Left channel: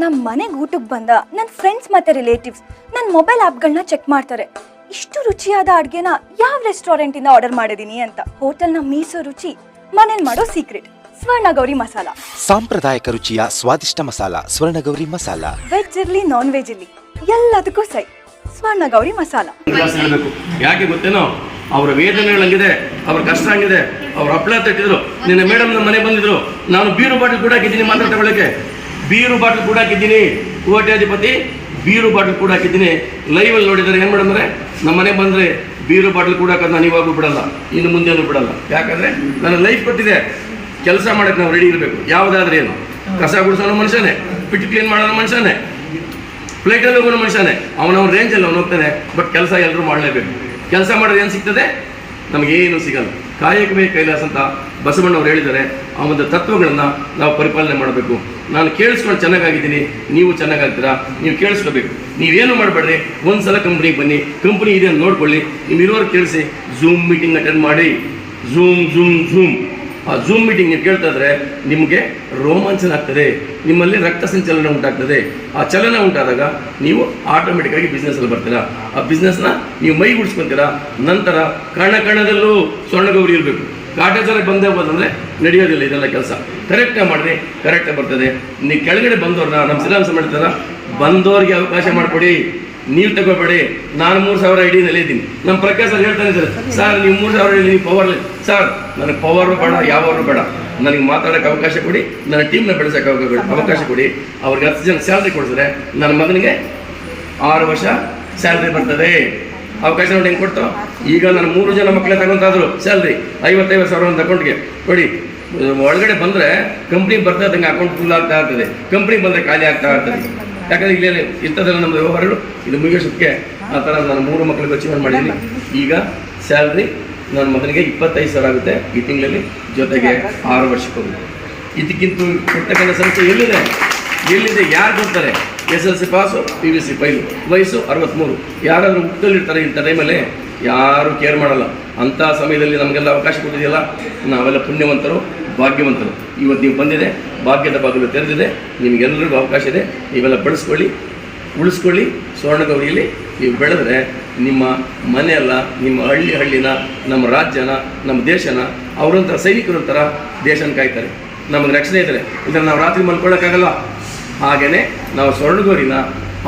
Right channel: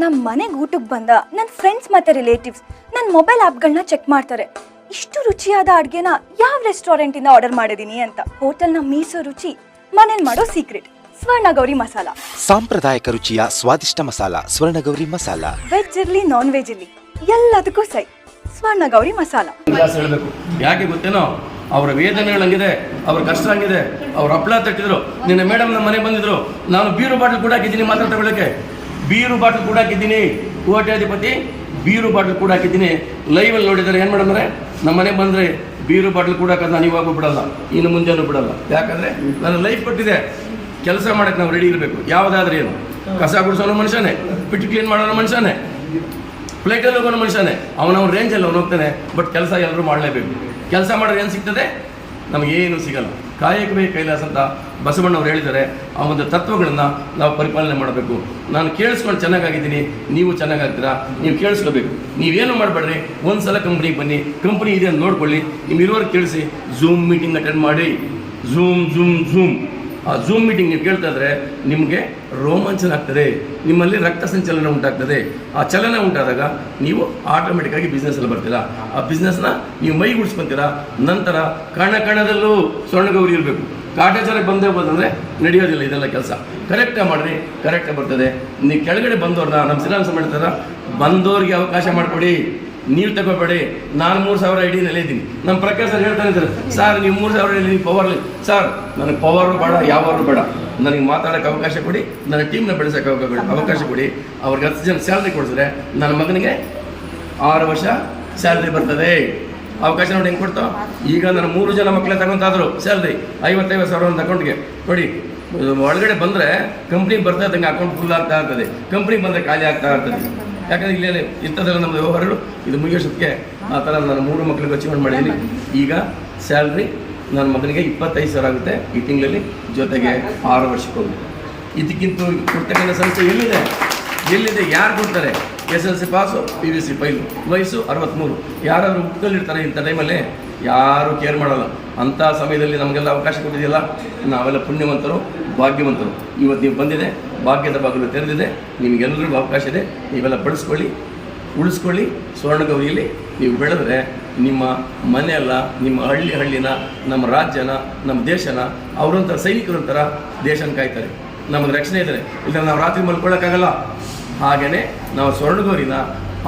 ನಮ್ಮ ಮನೆಗೆ ಊಟಕ್ಕೆ ಬಂದ ನನ್ನ ಫ್ರೆಂಡ್ಸ್ ಮತ್ತು ರಿಲೇಟಿವ್ಸ್ ನನ್ನ ಮೊಬೈಲ್ ಆ್ಯಪ್ಗಳನ್ನ ಚೆಕ್ ಮಾಡ್ತಾರೆ. ಇಷ್ಟು ರುಚಿಯಾದ ಅಡುಗೆನ ಯಾವ ರೆಸ್ಟೋರೆಂಟಿಂದ ಆರ್ಡರ್ ಮಾಡಿದ್ದೀನಿ ಅಂತ. ಹೋಟೆಲ್ನ ಮೀಸೋ ರುಚಿ, ಮನೇಲಿ ಮಾಡೋ ಸೀಕ್ರೆಟ್ ಸ್ವರ್ಣಗೌರಿ ಮಸಾಲ. ಸಾಂಪ್ರದಾಯಿಕ ರುಚಿಯ ಸ್ವಾದಿಷ್ಟ ಮಸಾಲ ಸ್ವರ್ಣಗೌರಿ ಮಸಾಲ. ವೆಜ್ ಇರಲಿ ನಾನ್ ವೆಜ್ ಇರಲಿ ಎಲ್ಲದಕ್ಕೂ ಸೈ ಸ್ವರ್ಣಗೌರಿ ಮಸಾಲ. ಯಾಕೆ ಗೊತ್ತೇನೋ, ಅವರ ವೇದನೆಗಳಂಗಿದೆ, ಅವ್ರ ಕಷ್ಟ ಹಂಗಿದೆ. ಅವ್ರು ಹಪ್ಪಳ ತಟ್ಟಿದ್ರು, ನಿನ್ನ ಮೇಡಮ್ ನಮ್ಮ ಮನೆ ಬಂದಿದ್ರು, ನಾನು ಬೀರು ಬಾಟಲ್ ಕೂಡ ಹಾಕಿದ್ದೀನಿ ಮಾತ್ರ ತಗೊಳ್ಳೋಕ್ಕೆ. ಬೀರು ಬಾಟಲ್ ಕೂಡ ಹಾಕಿದ್ದೀನಿ, ಕೋಟ್ಯಾಧಿಪತಿ ಬೀರು ಬಾಟಲ್ ಕೂಡ ಹಾಕಿದ್ದೀನಿ. ಲೈವಲ್ಲಿ ನೋಡಿದ್ದಾರೆ ಏನು ಮೇಡಮ್ ಅಂದರೆ, ನಮ್ಮ ಮನೆಗೆ ಬಂದರೆ ಬೀರು ಬಾಟಲ್ ಕೂಡ ಹಾಕೋದು ನಾನು ಇವಾಗೂ ಬಿಡಲ್ಲ, ಇನ್ನು ಮುಂದೆನೂ ಬಿಡಲ್ಲ. ಯಾಕಂದರೆ ನನ್ನ ಲೈಫ್ ಕೊಟ್ಟಿದೆ, ಕೆಲಸ ಮಾಡೋಕ್ಕೆ ನಾವು ರೆಡಿ ಇರಬೇಕು. ಯಾವುದಾದ್ರೂ ಏನು, ಕಸ ಗುಡಿಸೋನು ಮನುಷ್ಯನೇ, ಪಿಟ್ಟು ಕ್ಲೀನ್ ಮಾಡೋನು ಮನುಷ್ಯನೇ, ಪ್ಲೇಟಲ್ಲಿ ಹೋಗೋನು ಮನುಷ್ಯನೇ, ಅವನವ್ನ ರೇಂಜಲ್ಲಿ ಅವನು ಹೋಗ್ತಾನೆ. ಬಟ್ ಕೆಲಸ ಎಲ್ಲರೂ ಮಾಡಲೇಬೇಕು. ಕೆಲಸ ಮಾಡೋದು ಏನು ಸಿಗ್ತದೆ, ನಮಗೇನು ಸಿಗಲ್ಲ. ಕಾಯಕವೇ ಕೈಲಾಸ ಅಂತ ಬಸವಣ್ಣವ್ರು ಹೇಳಿದ್ದಾರೆ. ಆ ಒಂದು ತತ್ವಗಳನ್ನು ನಾವು ಪರಿಪಾಲನೆ ಮಾಡಬೇಕು. ನಾನು ಕೇಳಿಸ್ಕೊಂಡು ಚೆನ್ನಾಗಿದ್ದೀನಿ, ನೀವು ಚೆನ್ನಾಗಾಗ್ತೀರಾ, ನೀವು ಕೇಳಿಸ್ಕೋಬೇಕು. ನೀವೇನು ಮಾಡಬೇಡ್ರಿ, ಒಂದು ಸಲ ಕಂಪ್ನಿಗೆ ಬನ್ನಿ, ಕಂಪ್ನಿ ಇದೆ ಅಂತ ನೋಡ್ಕೊಳ್ಳಿ, ನೀವು ಇರುವವರೆಗೆ ಕೇಳಿಸಿ. ಝೂಮ್ ಮೀಟಿಂಗ್ ಅಟೆಂಡ್ ಮಾಡಿ, ಝೂಮ್ ಆ ಝೂಮ್ ಮೀಟಿಂಗ್ ನೀವು ಕೇಳ್ತಾ ಇದ್ರೆ ನಿಮಗೆ ರೋಮಾಂಚನ ಆಗ್ತದೆ, ನಿಮ್ಮಲ್ಲಿ ರಕ್ತ ಸಂಚಲನ ಉಂಟಾಗ್ತದೆ. ಆ ಚಲನ ಉಂಟಾದಾಗ ನೀವು ಆಟೋಮೆಟಿಕ್ಕಾಗಿ ಬಿಸ್ನೆಸ್ಸಲ್ಲಿ ಬರ್ತೀರಾ. ಆ ಬಿಸ್ನೆಸ್ನ ನೀವು ಮೈಗೂಡಿಸ್ಕೊತೀರಾ. ನಂತರ ಕಣದಲ್ಲೂ ಸ್ವರ್ಣಗೌರಿ ಇರಬೇಕು. ಕಾಟಾಚಾರ ಬಂದೇ ಹೋದಂದರೆ ನಡೆಯೋದಿಲ್ಲ ಇದೆಲ್ಲ ಕೆಲಸ. ಕರೆಕ್ಟಾಗಿ ಮಾಡಿರಿ, ಕರೆಕ್ಟಾಗಿ ಬರ್ತದೆ. ನೀವು ಕೆಳಗಡೆ ಬಂದವ್ರನ್ನ ನಮ್ಮ ಸಿಲಾಂಸ ಮಾಡ್ತಾರ, ಬಂದವ್ರಿಗೆ ಅವಕಾಶ ಮಾಡಿಕೊಡಿ, ನೀವು ತಗೋಬೇಡಿ. ನಾನು 3,000 ಐಡಿನಲ್ಲಿ ಇದ್ದೀನಿ. ನಮ್ಮ ಪ್ರಕಾಶ್ ಸರ್ ಹೇಳ್ತಾನೆ ಇದ್ದಾರೆ, ಸರ್ ನೀವು 3,000 ಐಡಿ ಪವರ್. ಸರ್ ನನಗೆ ಪವರು ಬೇಡ, ಯಾವರು ಬೇಡ, ನನಗೆ ಮಾತಾಡೋಕ್ಕೆ ಅವಕಾಶ ಕೊಡಿ, ನನ್ನ ಟೀಮ್ನ ಬೆಳೆಸೋಕ್ಕೆ ಅವಕಾಶ ಕೊಡಿ. ಅವ್ರಿಗೆ 10 ಜನ ಸ್ಯಾಲ್ರಿ ಕೊಡಿಸಿದ್ರೆ ನನ್ನ ಮಗನಿಗೆ 6 ವರ್ಷ ಸ್ಯಾಲ್ರಿ ಬರ್ತದೆ. ಅವಕಾಶ ನೋಡಿ ಹೆಂಗೆ ಕೊಡ್ತಾವೆ. ಈಗ ನಾನು 3 ಜನ ಮಕ್ಕಳೇ ತಗೊಂತಾದ್ರು ಸ್ಯಾಲ್ರಿ 55,000 ಒಂದು ಅಕೌಂಟ್ಗೆ ಕೊಡಿ. ಒಳಗಡೆ ಬಂದರೆ ಕಂಪ್ನಿಗೆ ಬರ್ತಾ ಇದ್ದಂಗೆ ಅಕೌಂಟ್ ಫುಲ್ ಆಗ್ತಾ ಇರ್ತದೆ, ಕಂಪ್ನಿಗೆ ಬಂದರೆ ಖಾಲಿ ಆಗ್ತಾ ಇರ್ತದೆ. ಯಾಕಂದರೆ ಇಲ್ಲೇ ಇಂಥದ್ದೆಲ್ಲ ನಮ್ಮದು ವ್ಯವಹಾರಗಳು ಇದು ಮುಗಿಯೋಷ್ಟಕ್ಕೆ ಆ ಥರ ನಾನು 3 ಮಕ್ಕಳಿಗೆ ಅಚೀವ್ಮೆಂಟ್ ಮಾಡಿದ್ದೀನಿ. ಈಗ ಸ್ಯಾಲ್ರಿ ನನ್ನ ಮಗನಿಗೆ 25,000 ಆಗುತ್ತೆ ಈ ತಿಂಗಳಲ್ಲಿ, ಜೊತೆಗೆ 6 ವರ್ಷಕ್ಕೆ ಹೋಗುತ್ತೆ. ಇದಕ್ಕಿಂತ ಕೊಡ್ತಕ್ಕಂಥ ಸಂಸ್ಥೆ ಎಲ್ಲಿದೆ ಯಾರು ಕೊಡ್ತಾರೆ? SLC ಪಾಸು, PVC ಫೈಲು, ವಯಸ್ಸು 63. ಯಾರಾದರೂ ಹುಟ್ಟಲ್ಲಿರ್ತಾರೆ ಇಂಥ ಟೈಮಲ್ಲಿ, ಯಾರೂ ಕೇರ್ ಮಾಡಲ್ಲ. ಅಂಥ ಸಮಯದಲ್ಲಿ ನಮಗೆಲ್ಲ ಅವಕಾಶ ಕೊಟ್ಟಿದೆಯಲ್ಲ, ನಾವೆಲ್ಲ ಪುಣ್ಯವಂತರು, ಭಾಗ್ಯವಂತರು. ಇವತ್ತು ನೀವು ಬಂದಿದೆ, ಭಾಗ್ಯದ ಬಾಗಿಲು ತೆರೆದಿದೆ, ನಿಮಗೆಲ್ಲರಿಗೂ ಅವಕಾಶ ಇದೆ. ನೀವೆಲ್ಲ ಬಳಸ್ಕೊಳ್ಳಿ, ಉಳಿಸ್ಕೊಳ್ಳಿ. ಸ್ವರ್ಣಗೌರಿಯಲ್ಲಿ ನೀವು ಬೆಳೆದ್ರೆ ನಿಮ್ಮ ಮನೆಯಲ್ಲ, ನಿಮ್ಮ ಹಳ್ಳಿನ, ನಮ್ಮ ರಾಜ್ಯನ, ನಮ್ಮ ದೇಶನ ಅವರೊಂಥರ ಸೈನಿಕರೊಂಥರ ದೇಶನ ಕಾಯ್ತಾರೆ. ನಮಗೆ ರಕ್ಷಣೆ ಇದ್ದಾರೆ. ಇಲ್ಲ ನಾವು ರಾತ್ರಿ ಮಲ್ಕೊಳ್ಳೋಕ್ಕಾಗಲ್ಲ. ಹಾಗೆಯೇ ನಾವು ಸ್ವರ್ಣಗೌರಿನ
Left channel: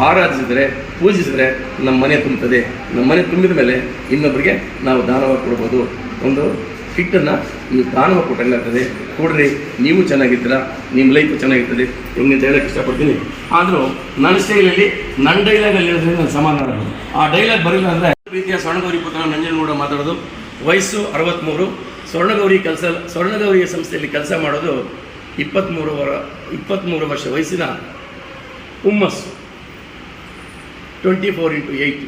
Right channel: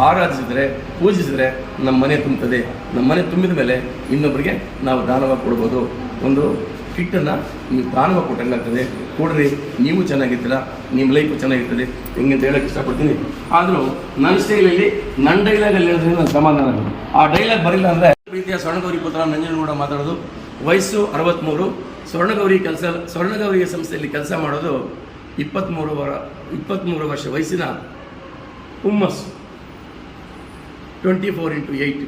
ಆರಾಧಿಸಿದರೆ, ಪೂಜಿಸಿದರೆ ನಮ್ಮ ಮನೆ ತುಂಬುತ್ತದೆ. ನಮ್ಮ ಮನೆ ತುಂಬಿದ ಮೇಲೆ ಇನ್ನೊಬ್ಬರಿಗೆ ನಾವು ದಾನವಾಗಿ ಕೊಡ್ಬೋದು. ಒಂದು ಕಿಟ್ಟನ್ನು ನೀವು ದಾನವಾಗಿ ಕೊಟ್ಟಂಗಾಗ್ತದೆ. ಕೊಡ್ರಿ, ನೀವು ಚೆನ್ನಾಗಿರ್ತೀರ, ನಿಮ್ಮ ಲೈಫು ಚೆನ್ನಾಗಿರ್ತದೆ. ಹೆಂಗೆ ಹೇಳೋಕ್ಕೆ ಇಷ್ಟಪಡ್ತೀನಿ. ಆದರೂ ನನ್ನ ಸ್ಟೈಲಲ್ಲಿ, ನನ್ನ ಡೈಲಾಗಲ್ಲಿ ಹೇಳಿದ್ರೆ ನಾನು ಸಮಾಧಾನ. ಆ ಡೈಲಾಗ್ ಬರಲಿಲ್ಲ ಅಂದರೆ ರೀತಿಯ ಸ್ವರ್ಣಗೌರಿ ಪುತ್ರ ನಂಜನಗೌಡ ಮಾತಾಡೋದು. ವಯಸ್ಸು 63. ಸ್ವರ್ಣಗೌರಿ ಸಂಸ್ಥೆಯಲ್ಲಿ ಕೆಲಸ ಮಾಡೋದು 23 ವರ್ಷ ವಯಸ್ಸಿನ ಹುಮ್ಮಸ್ಸು. 24x8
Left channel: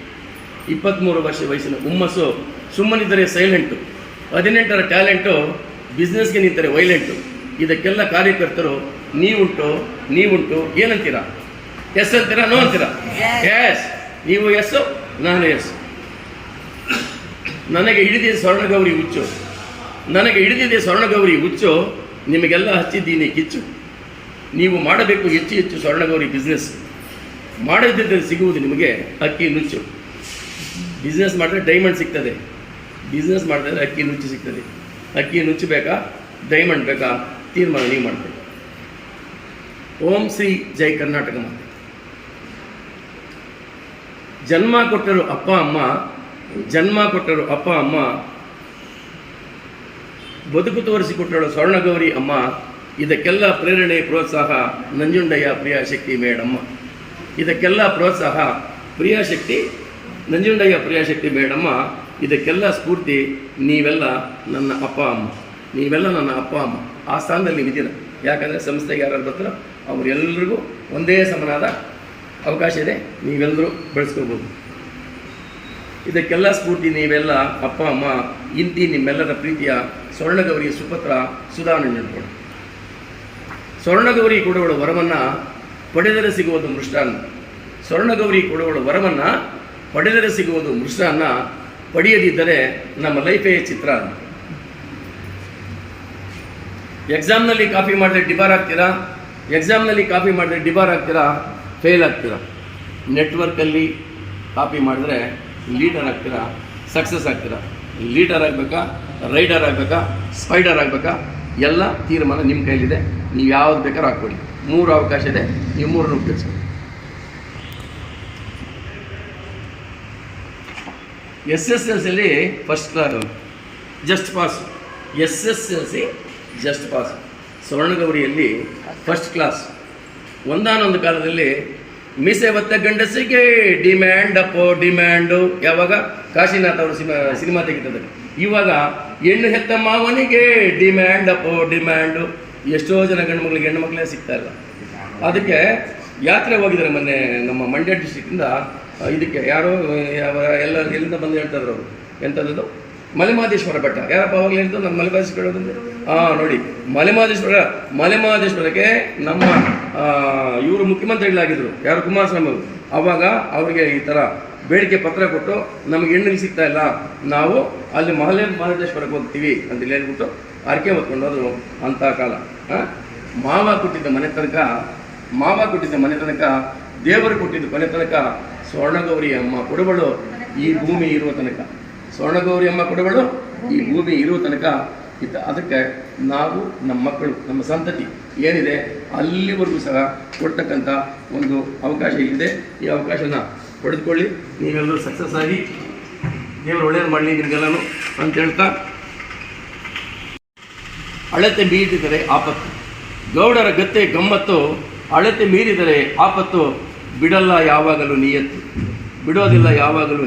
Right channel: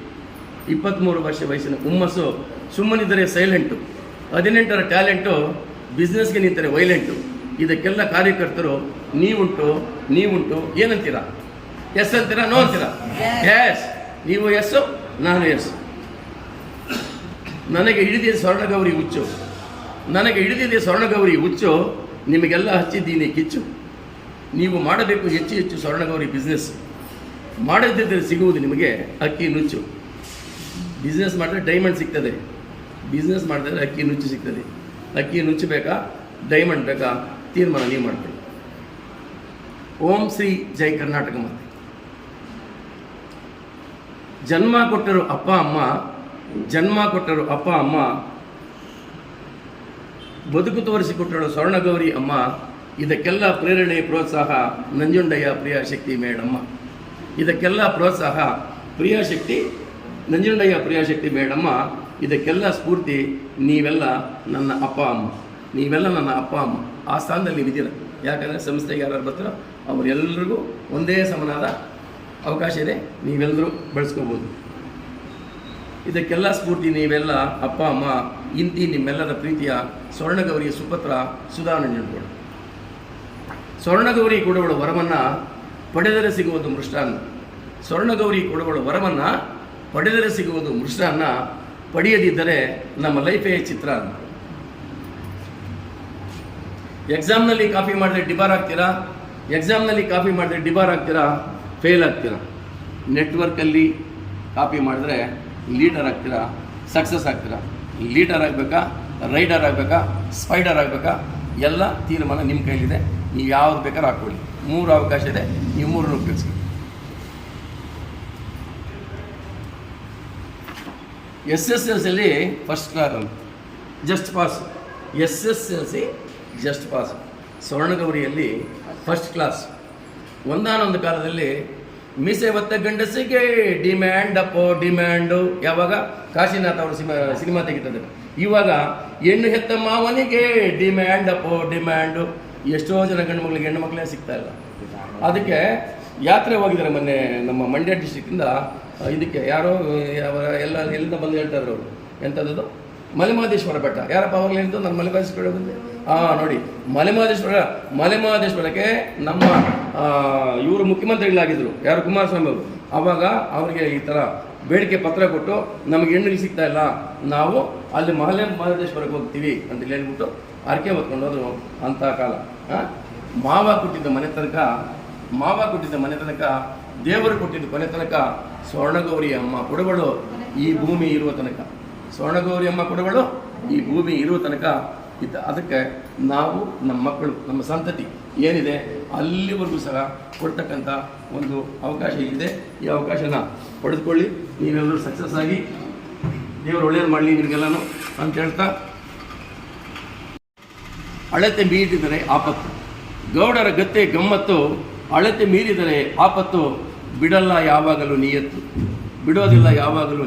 23 ವರ್ಷ ವಯಸ್ಸಿನ ಹುಮ್ಮಸ್ಸು. ಸುಮ್ಮನಿದ್ದರೆ ಸೈಲೆಂಟು, 18ರ ಟ್ಯಾಲೆಂಟು, ಬಿಸ್ನೆಸ್ಗೆ ನಿಂತರೆ ವೈಲೆಂಟು. ಇದಕ್ಕೆಲ್ಲ ಕಾರ್ಯಕರ್ತರು ನೀವುಂಟು ಏನಂತೀರಾ? ಎಸ್ ಅಂತೀರಾ, ನೋ ಅಂತೀರಾ? ಎಸ್. ನೀವು ಎಸ್ಸು, ನಾನು ಎಸ್. ನನಗೆ ಹಿಡಿದಿದೆ ಸ್ವರ್ಣಗೌರಿ ಹುಚ್ಚು, ನಿಮಗೆಲ್ಲ ಹಚ್ಚಿದ್ದೀನಿ ಕಿಚ್ಚು. ನೀವು ಮಾಡಬೇಕು ಹೆಚ್ಚು ಸ್ವರ್ಣಗೌರಿ ಬಿಸ್ನೆಸ್. ಮಾಡದಿದ್ದರೆ ಸಿಗುವುದು ನಿಮಗೆ ಅಕ್ಕಿ ನುಚ್ಚು. ಬಿಸ್ನೆಸ್ ಮಾಡಿದ್ರೆ ಡೈಮಂಡ್ ಸಿಗ್ತದೆ, ಬಿಸ್ನೆಸ್ ಮಾಡಿದ್ರೆ ಅಕ್ಕಿ ನುಚ್ಚು ಸಿಗ್ತದೆ. ಅಕ್ಕಿ ನುಚ್ಚು ಬೇಕಾ, ಡೈಮಂಡ್ ಬೇಕಾ, ತೀರ್ಮಾನ ನೀವು ಮಾಡಬೇಕು. ಓಂ ಶ್ರೀ ಜೈ ಕರ್ನಾಟಕ ಮಾತೆ. ಜನ್ಮ ಕೊಟ್ಟರು ಅಪ್ಪ ಅಮ್ಮ, ಬದುಕು ತೋರಿಸಿಕೊಟ್ಟಳು ಸ್ವರ್ಣಗೌರಿ ಅಮ್ಮ. ಇದಕ್ಕೆಲ್ಲ ಪ್ರೇರಣೆ, ಪ್ರೋತ್ಸಾಹ ನಂಜುಂಡಯ್ಯ ಪ್ರಿಯಾಶಕ್ತಿ ಮೇಡಮ್ಮ. ಇದಕ್ಕೆಲ್ಲ ಪ್ರೋತ್ಸಾಹ ನಂಜುಂಡಯ್ಯ ಪ್ರಿಯಾಶಕ್ತಿ ಮೇಡಮ್ಮ. ಇದಕ್ಕೆಲ್ಲ ಸ್ಫೂರ್ತಿ ನೀವೆಲ್ಲ ನನ್ನ ಅಪ್ಪ ಅಮ್ಮ. ಆ ಸ್ಥಾನದಲ್ಲಿ ನೀವಿದ್ದೀರ. ಯಾಕಂದರೆ ಸಂಸ್ಥೆಗೆ ಯಾರು ಬರ್ತಾರೋ ಅವರೆಲ್ಲರಿಗೂ ಒಂದೇ ಸಮನಾದ ಅವಕಾಶ ಇದೆ, ನೀವೆಲ್ಲರೂ ಬಳಸ್ಕೋಬೋದು. ಇದಕ್ಕೆಲ್ಲ ಸ್ಫೂರ್ತಿ ನೀವೆಲ್ಲ ಅಪ್ಪ ಅಮ್ಮ. ಇಂತಿ ನಿಮ್ಮೆಲ್ಲರ ಪ್ರೀತಿಯ ಸ್ವರ್ಣಗೌರಿ ಸುಪುತ್ರ ಸುಧಾ ನಂಜನಗೌಡ. ಸ್ವರ್ಣಗೌರಿ ಕೊಡುವಳು ವರವನ್ನು ಪಡೆದರೆ ಸಿಗುವುದು ಮೃಷ್ಟಾನ್ನ. ಸ್ವರ್ಣಗೌರಿ ಕೊಡುವಳು ವರವನ್ನು ಪಡೆದರೆ ಸಿಗುವುದು ಮೃಷ್ಟಾನ್ನ. ಪಡೆಯದಿದ್ದರೆ ನಮ್ಮ ಲೈಫೇ ಚಿತ್ರಾನ್ನ. ಎಕ್ಸಾಮ್ನಲ್ಲಿ ಕಾಪಿ ಮಾಡಿದ್ರೆ ಡಿಬಾರ್ ಆಗ್ತೀರಾ, ಎಕ್ಸಾಮ್ನಲ್ಲಿ ಕಾಪಿ ಮಾಡಿದ್ರೆ ಡಿಬಾರ್ ಆಗ್ತೀರಾ, ಫೇಲ್ ಆಗ್ತೀರಾ. ನೆಟ್ವರ್ಕಲ್ಲಿ ಕಾಪಿ ಮಾಡಿದ್ರೆ ಲೀಡರ್ ಆಗ್ತೀರಾ, ಸಕ್ಸಸ್ ಆಗ್ತೀರಾ. ಲೀಡರ್ ಆಗಬೇಕಾ, ರೈಡರ್ ಆಗಬೇಕಾ, ಸ್ಪೈಡರ್ ಆಗಬೇಕಾ, ಎಲ್ಲ ತೀರ್ಮಾನ ನಿಮ್ಮ ಕೈಲಿದೆ. ನೀವು ಯಾವ್ದು ಬೇಕಾದ್ರೂ ಹಾಕ್ಕೊಳ್ಳಿ. 3 ಅವಕಾಶ ಇದೆ, ನೀವು 3 ಉಪಯೋಗಿಸಿ. SSLCಯಲ್ಲಿ first class, just pass. SSLC just pass. ಸ್ವರ್ಣಗೌರಿಯಲ್ಲಿ ಫಸ್ಟ್ ಕ್ಲಾಸ್. ಒಂದಾನೊಂದು ಕಾಲದಲ್ಲಿ ಮೀಸೆ ಹೊತ್ತ ಗಂಡಸಿಗೆ ಡಿಮ್ಯಾಂಡ್ ಅಪ್ಪೋ ಡಿಮ್ಯಾಂಡು. ಯಾವಾಗ? ಕಾಶಿನಾಥ್ ಅವರು ಸಿನಿಮಾ ತೆಗಿತದೆ. ಇವಾಗ ಹೆಣ್ಣು ಹೆತ್ತ ಮಾವನಿಗೆ ಡಿಮ್ಯಾಂಡ್ ಅಪ್ಪೋ ಡಿಮ್ಯಾಂಡು. ಎಷ್ಟೋ ಜನ ಗಂಡು ಮಕ್ಕಳಿಗೆ ಹೆಣ್ಣು ಮಕ್ಕಳೇ ಸಿಗ್ತಾ ಇಲ್ಲ. ಅದಕ್ಕೆ ಯಾತ್ರೆ ಹೋಗಿದ್ದಾರೆ ಮೊನ್ನೆ ನಮ್ಮ ಮಂಡ್ಯ ಡಿಸ್ಟ್ರಿಕ್ಟಿಂದ. ಇದಕ್ಕೆ ಯಾರೋ ಎಲ್ಲಿಂದ ಬಂದು ಹೇಳ್ತಾಯಿದ್ರು ಅವರು, ಎಂಥದ್ದು ಮಲೆಮಹದೇಶ್ವರ ಬೆಟ್ಟ. ಯಾರಪ್ಪ ಅವಾಗಲೇ ಹೇಳ್ತು ನಮ್ಮ ಮಲೆಮಹದೇಶ್ವರ ನೋಡಿ, ಮಲೆಮಹದೇಶ್ವರಕ್ಕೆ ನಮ್ಮ ಇವರು ಮುಖ್ಯಮಂತ್ರಿಗಳಾಗಿದ್ದರು, ಯಾರು ಕುಮಾರಸ್ವಾಮಿ ಅವರು. ಆವಾಗ ಅವರಿಗೆ ಈ ಥರ ಬೇಡಿಕೆ ಪತ್ರ ಕೊಟ್ಟು ನಮಗೆ ಹೆಣ್ಣಿಗೆ ಸಿಗ್ತಾ ಇಲ್ಲ, ನಾವು ಅಲ್ಲಿ ಮಹದೇಶ್ವರಕ್ಕೆ ಹೋಗ್ತೀವಿ ಅಂತ ಹೇಳ್ಬಿಟ್ಟು ಅರ್ಕೆ ಹೊತ್ಕೊಂಡೋದ್ರು. ಅಂಥ ಕಾಲ. ಮಾವ ಕೊಟ್ಟಿದ್ದ ಮನೆ ತನಕ, ದೇವರು ಕೊಟ್ಟಿದ್ದ ಕೊನೆ ತನಕ ಸ್ವರ್ಣಗೌರಿ ಅಮ್ಮ ಕೊಡುವಳು ಈ ಭೂಮಿ ಇರುವ ತನಕ. ಸ್ವರ್ಣಗೌರಿ ಅಮ್ಮ ಕೊಡುವಳು ಈ ಭೂಮಿ ಇರುವ ತನಕ ಅದಕ್ಕೆ ನಾವು, ನಮ್ಮ ಮಕ್ಕಳು, ನಮ್ಮ ಸಂತತಿ ಏನಿದೆ ಅಲ್ಲಿವರೆಗೂ ಸಹ ಕೊಡ್ತಕ್ಕಂಥ ಒಂದು ಅವಕಾಶ ಇದೆ. ಈ ಅವಕಾಶನ ಪಡೆದುಕೊಳ್ಳಿ. ನೀವೆಲ್ಲರೂ ಸಕ್ಸಸ್ ಆಗಿ ದೇವರು ಒಳ್ಳೆಯದು ಮಾಡಲಿ ನಿಮಗೆಲ್ಲನೂ ಅಂತ ಹೇಳ್ತಾ, ಅಳತೆ ಮೀರಿದರೆ ಆಪತ್ತು, ಗೌಡರ ಗತ್ತೆ ಗಮ್ಮತ್ತು. ಅಳತೆ ಮೀರಿದರೆ ಆಪತ್ತು, ಬಿಡೋದಿಲ್ಲ ಯಾವಾಗಲೂ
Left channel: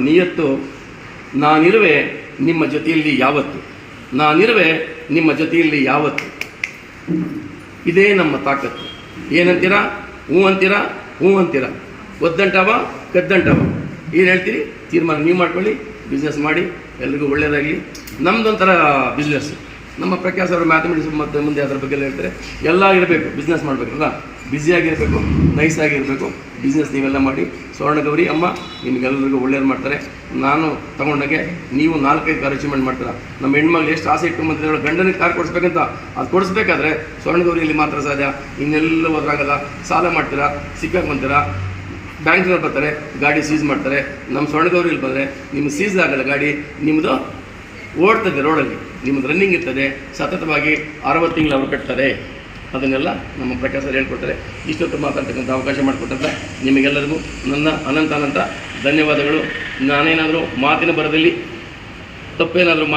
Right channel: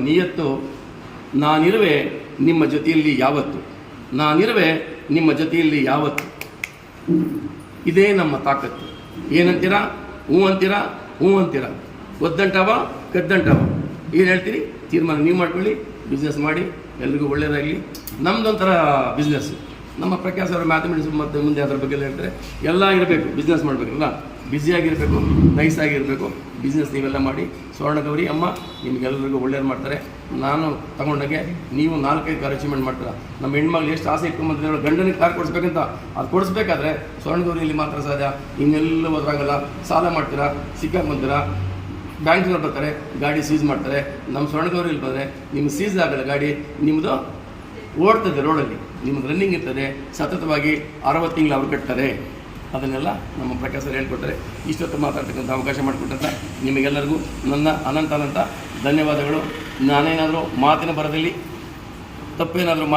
ನಿಯತ್ತು. ನಾನಿರುವೆ ನಿಮ್ಮ ಜೊತೆಯಲ್ಲಿ ಯಾವತ್ತು. ಇದೇ ನಮ್ಮ ತಾಕತ್ತು. ಏನಂತೀರಾ? ಹ್ಞೂ ಅಂತೀರಾ. ಒದ್ದಂಟವ ಕದ್ದಂಟವ. ಏನು ಹೇಳ್ತೀರಿ? ತೀರ್ಮಾನ ನೀವು ಮಾಡ್ಕೊಳ್ಳಿ. ಬಿಸ್ನೆಸ್ ಮಾಡಿ, ಎಲ್ರಿಗೂ ಒಳ್ಳೆಯದಾಗಲಿ. ನಮ್ಮದೊಂಥರ ಬಿಸ್ನೆಸ್. ನಮ್ಮ ಪ್ರಕಾಶ್ ಅವರು ಮ್ಯಾಥಮೆಟಿಕ್ಸ್ ಮತ್ತು ಮುಂದೆ ಅದ್ರ ಬಗ್ಗೆ ಎಲ್ಲ ಹೇಳ್ತಾರೆ. ಎಲ್ಲ ಇರಬೇಕು, ಬಿಸ್ನೆಸ್ ಮಾಡಬೇಕಲ್ಲ, ಬ್ಯುಸಿಯಾಗಿರಬೇಕು, ನೈಸಾಗಿರಬೇಕು. ಬಿಸ್ನೆಸ್ ನೀವೆಲ್ಲ ಮಾಡಿ. ಸ್ವರ್ಣಗೌರಿ ಅಮ್ಮ ನಿಮಗೆಲ್ಲರಿಗೂ ಒಳ್ಳೆಯದು ಮಾಡ್ತಾರೆ. ನಾನು ತಗೊಂಡಾಗೆ ನೀವು 4-5 ಕಾರ್ ಅಚೀವ್ಮೆಂಟ್ ಮಾಡ್ತೀರಾ. ನಮ್ಮ ಹೆಣ್ಮಕ್ಳು ಎಷ್ಟು ಆಸೆ ಇಟ್ಕೊಂಡ್ಬಂದಿದ್ದಾಳೆ, ಗಂಡನಿಗೆ ಕಾರ್ ಕೊಡಿಸ್ಬೇಕಂತ. ಅದು ಕೊಡಿಸ್ಬೇಕಾದ್ರೆ ಸ್ವರ್ಣಗೌರಿಯಲ್ಲಿ ಮಾತ್ರ ಸಾಧ್ಯ. ಇನ್ನೆಲ್ಲ ಹೋದ್ರಾಗಲ್ಲ. ಸಾಲ ಮಾಡ್ತೀರಾ, ಸಿಕ್ಕಾಕೊಂತೀರಾ, ಬ್ಯಾಂಕ್ನವ್ರು ಬರ್ತಾರೆ, ಗಾಡಿ ಸೀಸ್ ಮಾಡ್ತಾರೆ. ನಮ್ಮ ಸ್ವರ್ಣಗೌರಿಯಲ್ಲಿ ಬಂದರೆ ನಿಮ್ಗೆ ಸೀಸ್ ಆಗಲ್ಲ ಗಾಡಿ, ನಿಮ್ಮದು ಓಡ್ತದೆ ರೋಡಲ್ಲಿ, ನಿಮ್ಮದು ರನ್ನಿಂಗ್ ಇರ್ತದೆ. ಸತತವಾಗಿ 60 ತಿಂಗಳು ಅವರು ಕಟ್ತಾರೆ. ಅದನ್ನೆಲ್ಲ ನಮ್ಮ ಪ್ರಕಾಶ್ ಸರ್ ಹೇಳ್ಕೊಡ್ತಾರೆ. ಇಷ್ಟೊತ್ತು ಮಾತಾಡ್ತಕ್ಕಂಥ ಅವಕಾಶ ಮಾಡಿಕೊಟ್ಟಂತ ನಿಮಗೆಲ್ಲರಿಗೂ ನನ್ನ ಅನಂತ ಧನ್ಯವಾದಗಳು. ನಾನೇನಾದರೂ ಮಾತಿನ ಬರದಲ್ಲಿ ತಪ್ಪೇನಾದರೂ